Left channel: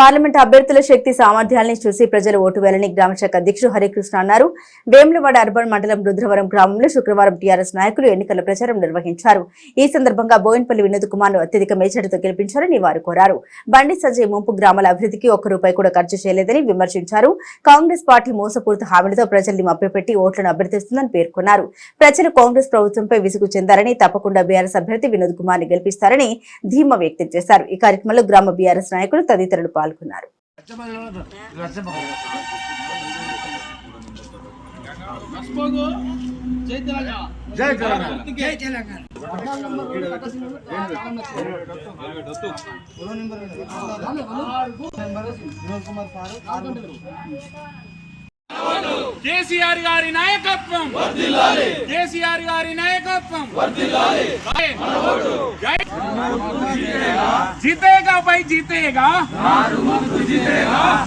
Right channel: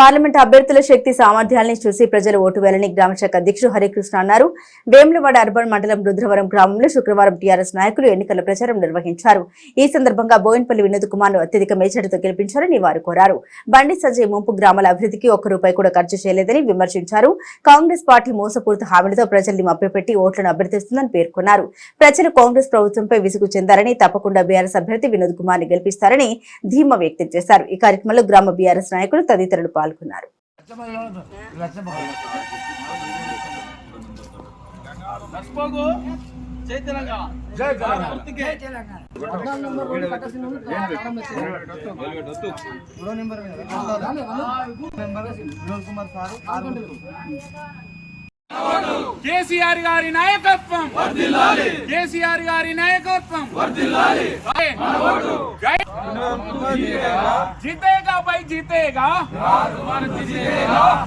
Parliament అభ్యర్థుల శక్తి సామర్థ్యాలను చూసి ప్రజలు ఓటు వేయాలని గ్రామశాఖ అధ్యక్షుడు హరికృష్ణ అన్నారు. వేములవాడ అర్బన్ మండలం రుద్రవరం గ్రామంలో శుక్రవారం టీఆర్ఎస్ నాయకులు ఎన్నికల ప్రచారం నిర్వహించారు. ఈ సందర్భంగా బోయిన్పల్లి వినోద్ కుమార్ ను అత్యధిక మెజార్టీతో గెలిపించారని వారు కోరారు. బండి సంజయ్ ముంపు గ్రామాల అభివృద్ధికి ₹1 కూడా ఖర్చు చేయలేదని విమర్శించారు. కాంగ్రెస్ పార్టీ మోసపూరిత హామీలతో ప్రజల్ని మభ్యపెట్టి ఓట్లను అభ్యర్థిస్తుందని పేర్కొన్నారు. ప్రజలు కాంగ్రెస్ ప్రభుత్వంపై విసుగు చెందారని, తప్పకుండా బీఆర్ఎస్ అభ్యర్థి వినోద్ కుమార్ ని గెలిపిస్తారని ధీమా వ్యక్తం చేశారు. ఈ కార్యక్రమంలో గ్రామ బీఆర్ఎస్ నాయకులు తదితరులు పాల్గొన్నారు. కేసీఆర్ గారి నాయకత్వం వర్ధిల్లాలి, కేసీఆర్ గారి నాయకత్వం వర్ధిల్లాలి. जीतेगा भाई जीतेगा,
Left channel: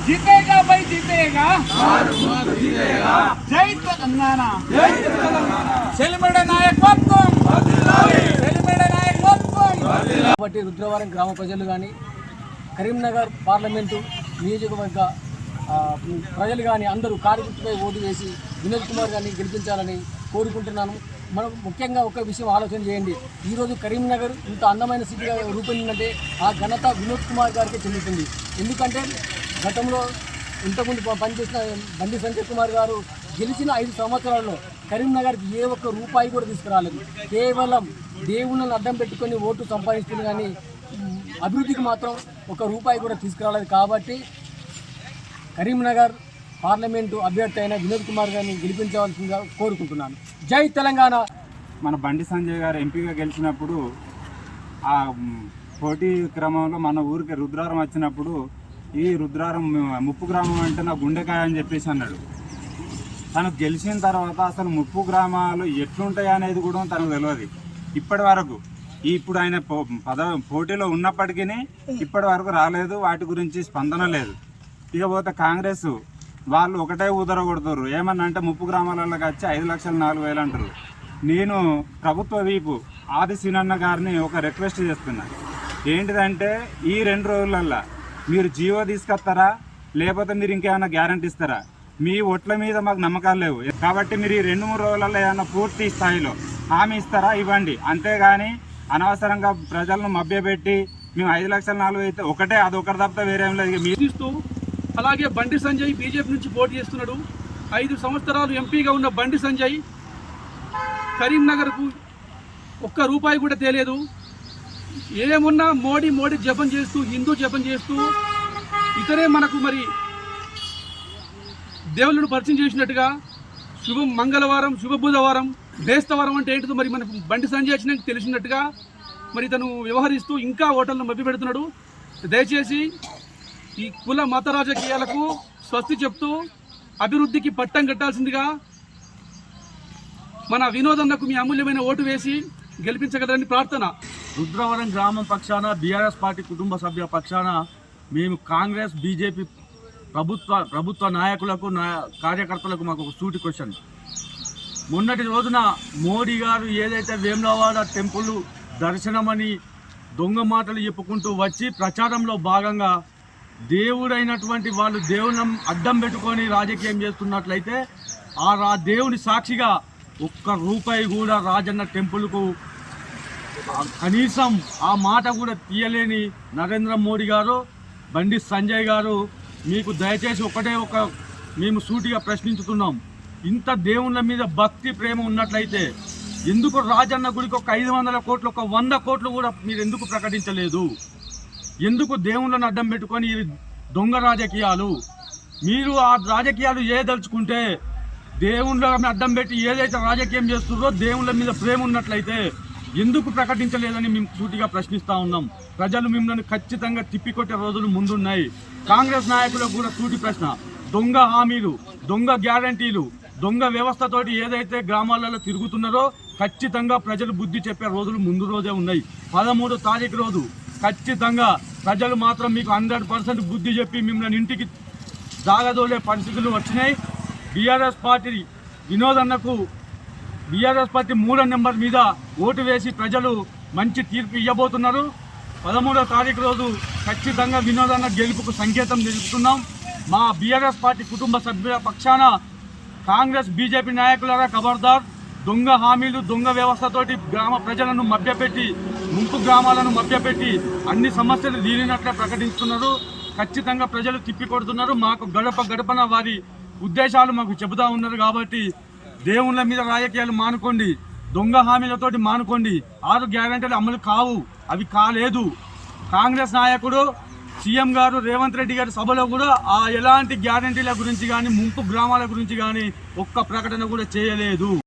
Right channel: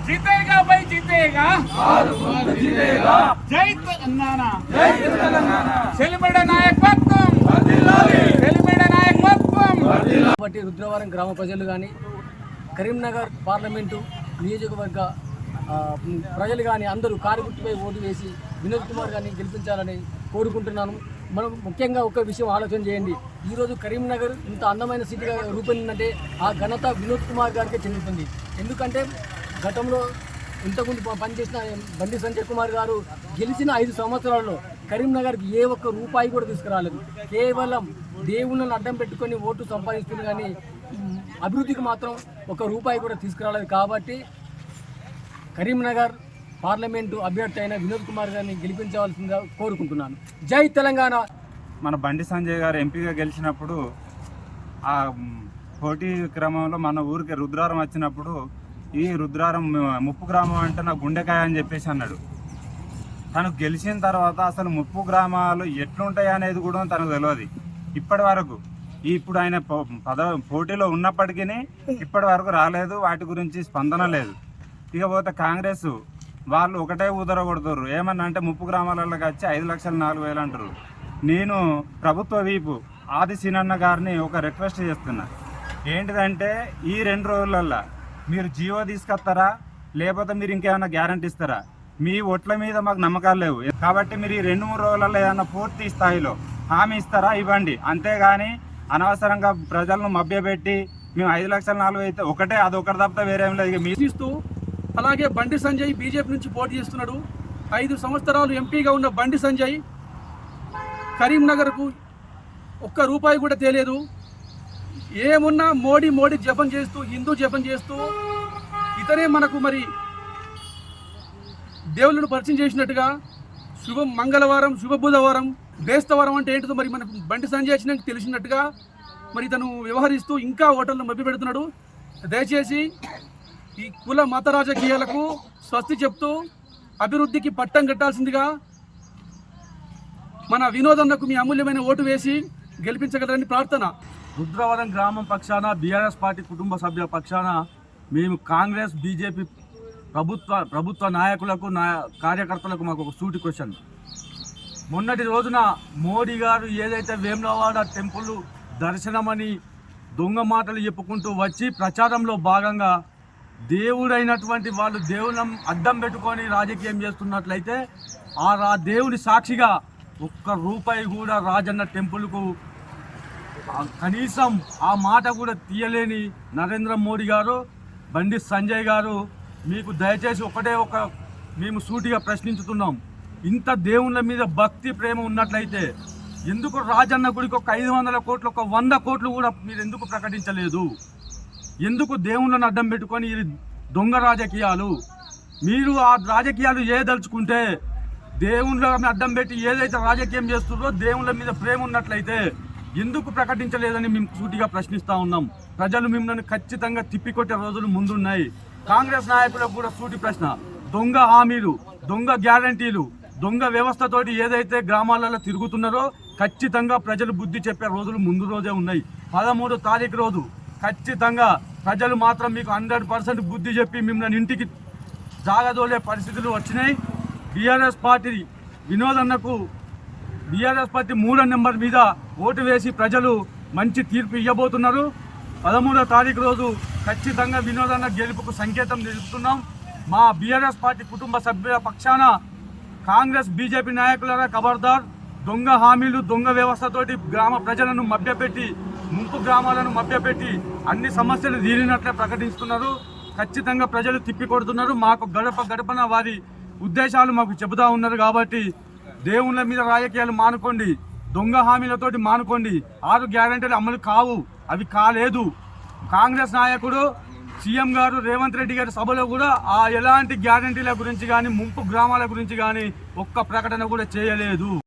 जीतेगा भाई जीतेगा, जय तेलंगाना, చెలిమడే నాయకత్వం వర్ధిల్లాలి, చెలిమడే నాయకత్వం వర్ధిల్లాలి. కాబట్టి రుద్రవరం గ్రామ ప్రజలు కానీ కరీంనగర్ పార్లమెంటు నియోజకవర్గ ప్రజలు కానీ అందరూ కారుగుర్తుపై ఓటు వేసి వినోద్ కుమార్ గారిని గెలిపించాలని కోరుకుంటున్నాను. మనం ముఖ్యంగా ఒక విషయం ఆలోచన చేయండి. ఈరోజు కరీంనగర్ ఇంత అందమైన సిటీగా రూపొందిందంటే ఆ ఘనత వినోద్ కుమార్ గారికే చెందుతుంది. ఎందుకంటే గతంలో ఇంతకుముందు పనిచేసిన బండి సంజయ్ కుమార్ గారు గెలిచిన 5 సంవత్సరాల్లో కరీంనగర్కి ఏ ఒక్క రూపాయి కూడా తీసుకురాలేదు. కేవలం దేవుళ్ళను అడ్డం పెట్టుకొని ఓటు సంపాదిస్తుంది, కానీ అభివృద్ధికి మాత్రం ₹1 కూడా తీసుకురాలేదు. కాబట్టి కరీంనగర్ పార్లమెంటు అభ్యర్థి అయిన వినోద్ కుమార్ గారిని గెలిపించవలసిందిగా కోరుకుంటున్నాను. జై తెలంగాణ. మన బండి సంజయ్ గారు ఎంపీగా గెలిచినప్పుడు ఆ పోటీ క్రమంలో మన ఊరికి రుద్రారం వచ్చినప్పుడు ఈ రుద్రారం ముప్పు గ్రామం అంటే నా గుండెకాయ అని చెప్పేసి అన్నాడు. తను గెలిచిన తర్వాత అసలు ముప్పు గ్రామాలు ఎట్లుంటాయి అనేది కూడా తనకు తెలియదు. ఇప్పటి వరకు ఇప్పుడు ఆయన పోటీలో ఉన్నప్పటికీ ఇప్పటి వరకు రాలేదు, వాటి గురించి స్పందన లేదు. ఇకపోతే కాంగ్రెస్ వాళ్ళు ఒకటే ఊదర కొడుతారు. ఏమన్నా అంటే ముప్పు గ్రామాలలోకి వచ్చి 5,04,000 అంటారు. నేను ప్రభుత్వ వీపు ఆది సీనన్న గారిని ఒక రిక్వెస్ట్ చేస్తున్నా. ఏంటిదంటే ఈ 2 రోజులల్లో మీరు జీవో తీసుకొస్తారా, లేకపోతే మీరు ఇంకేమైనా గ్యారంటీ ఇస్తారా? మీ ఓట్ల మీద మాకు నమ్మకాలు లేవు. కాబట్టి మీరు ఈ 2-3 రోజులలో ఏమైనా పూర్తి స్థాయిలో హామీ ఇస్తారా? ఇవ్వండి. అంతేగాని అనవసరంగా ప్రజలను మభ్యపెట్టి మేము 5,04,000 అయితే ఒకటే, అదొకటి తప్ప వేరేం లేదు. మీరు అలాగే బండి సంజయ్ బీజేపీ నుంచి పోటీ చేస్తున్నాడు. 5 సంవత్సరాలు ఎంపీగా ఉన్న బండి సంజయ్ కరీంనగర్కు ₹1 కూడా తేలేదు. ఏమున్నా మోడీ జపం చేస్తూ, హిందూ జపం చేస్తూ ఇతనే మనకు మరి దేవుళ్ళను పరిచయం చేసినట్టుగా శుభ మంగళవారం, శుభ బుధవారం, బేస్తవారం అంటే ఏంటిదో మరి మనకు బండి సంజయ్ వచ్చినాక తెలిసినట్టుగా మరి తను వ్యవహరిస్తూ ఇంకా ఓటర్లను మభ్య పెడుతున్నాడు. దయచేసి ఈ కుల మత రాజకీయాలకు స్వస్తి చెప్తూ అభివృద్ధికి పట్టం కట్టాల్సిందిగా మన వినోదన్నకు మీ అమూల్యమైన ఓటు వేసి గెలిపించగలరని ప్రార్థన. రుద్రవరం గ్రామం పక్షాన, బీఆర్ఎస్ పార్టీ కుటుంబ సభ్యుల పక్షాన మేము కాంగ్రెస్ బీజేపీ ప్రభుత్వ నాయకులకు కార్యకర్తలకు మాకు ఒక సూటి క్వశ్చన్. మొన్నటి రోజున మోడీ గారు ఏదైతే వేములవాడ టెంపుల్ దర్శనమని దొంగ మాటలు చెప్పుకుంటూ వచ్చి ప్రచారంలో భాగంగా దేవుడైనటువంటి వాళ్ళు దేవుని అడ్డం పెట్టుకొని రాజకీయం చేస్తున్నట్లయితే ఆ దేవుని సాక్షిగా ₹1 కూడా రాజన్న టెంపుల్కు కనీసం ఆ మాట కూడా తీయలేని నరేంద్ర మోడీ గారు, బండి సంజయ్ గారు, మీకు దయచేసి మేము సూటిగా ప్రశ్నించుతున్నాం. ఇంత దేవుళ్ళ మీద భక్తి ప్రేమ ఉన్నట్లయితే ఎందుకు రాజన్న గుడికి 500 కోట్లు, 100 కోట్లు కూడా మీరు ఎందుకు ప్రకటించలేదు? ఎందుకు దేవుళ్ళను అడ్డం పెట్టుకొని దొంగ రాజకీయాలు? మీరు ఆ రాజకీయాలు ఏదలుచుకుంటే దేవుళ్ళని అడ్డం పెట్టి ఏదైతే రాజకీయం చేస్తుందో దేవుళ్ళ మీద ప్రేమ ఉన్నట్లయితే ఎందుకు ప్రకటించలేదని మేము సూటిగా ప్రశ్నిస్తూ ఉన్నాం. ప్రజలు మిమ్మల్ని ఖచ్చితంగా తిప్పికొట్టే రోజులు ముందున్నాయి. కాంగ్రెస్ నాయకులకు కూడా సూటి ప్రశ్న. దొంగ హామీలు, దొంగ గ్యారంటీలు, దొంగ వ్యవస్థతోటి ఏదైతే గ్రామాలలో తిరుగుతున్నారో ఖచ్చితంగా ప్రజలు బుద్ధి చెప్పే రోజులు ముందు రోజే ఉన్నాయి. 13వ తారీఖు రోజు ఖచ్చితంగా ప్రజలు మాత్రం మీకు 100% బుద్ధి చెప్పి మిమ్మల్ని ఇంటికి జాగదోలే పరిస్థితులు వచ్చినాయి. బీఆర్ఎస్ పార్టీ వినోదన్నకు బీఆర్ఎస్ పార్టీ 3వ నెంబర్ మీద ఓటు వేసి ప్రజలు మంచి తీర్పు ఇవ్వబోతున్నారు. 13వ తారీఖు రోజు ఖచ్చితంగా వినోదన్న గెలుపుకు సంకేతం తెలుపుతున్నాం. మా బీఆర్ఎస్ పార్టీ కుటుంబ సభ్యుల పక్షాన కాంగ్రెస్ బీజేపీ నాయకులారా ఖబర్దార్. దొంగ హామీలు, దొంగ వ్యవస్థతోటి గ్రామ ప్రజలను మభ్యపెట్టి, ముంపు గ్రామాలను మభ్యపెట్టి అన్ని సమస్యలు తీరినట్లే ప్రకటిస్తున్నారు. ఖచ్చితంగా ప్రజలు తిప్పికొడుతున్నారు. మాకు గడప గడపన వారి ఉద్దేశాలు మాకు చెబుతూ ఉన్నారు. కాబట్టి దేవుళ్ళ మీద రాజకీయాలు మానుకోండి, దొంగ హామీలతోటి మానుకోండి. 6 గ్యారెంటీలు అమలు కావు, అవి కాలేదు. కాంగ్రెస్ నాయకుడు సీఎం గారు రేవంత్ రెడ్డి గారి సభలో కూడా ఎలాంటి గ్యారెంటీల గురించి కానీ, ముంపు గ్రామాల గురించి కానీ ఒక్క ప్రకటన కూడా చేయలేదు.